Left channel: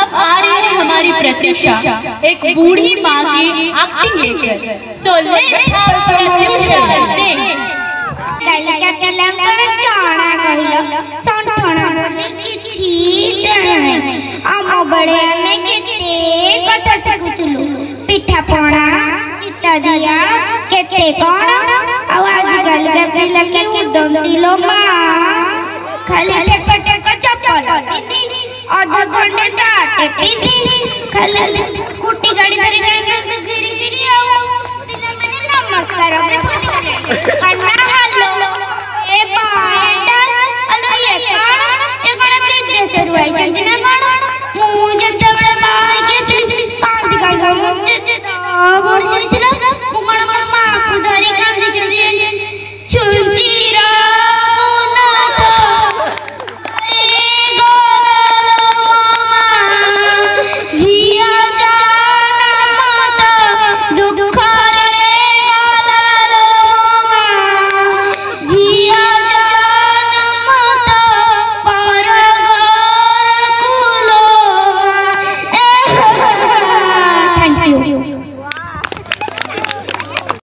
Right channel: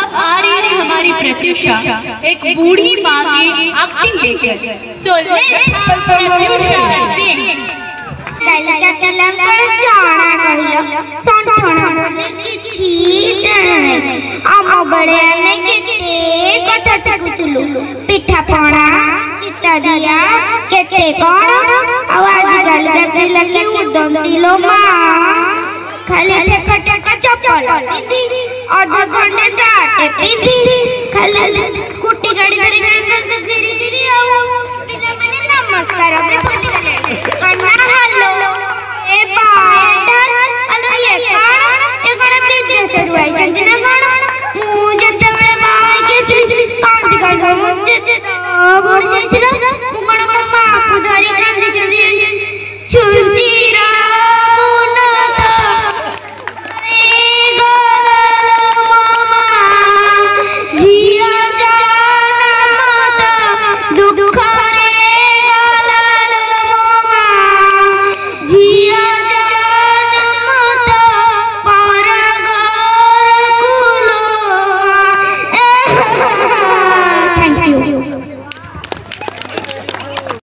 अब आ रही है हमारी प्रत्युषा एक बूढ़ी माँ की एक्टिंग लेकर। सो लेट्स हैव प्रत्युषा सिंग। कलिका कलंकर जाना कहिलो संठना किछि डरने आम बड़े में केते कथा सिखुतलु पिठा पणा चिता दिया केते कोन आवाज गल गल लगे उदम दिलो मां खाली ठेका ठेका चप्पल पिंदी और घंटे साटे पिंदी खाली कुटी गाड़ी गाड़ी गिरी गिरी आओ पिला मैंने नमस्कार अपने कुटी गले कन्ना हेलो ए बाय हेलो ये कोन ए कोन विदेश से रुआई चंदिना कोन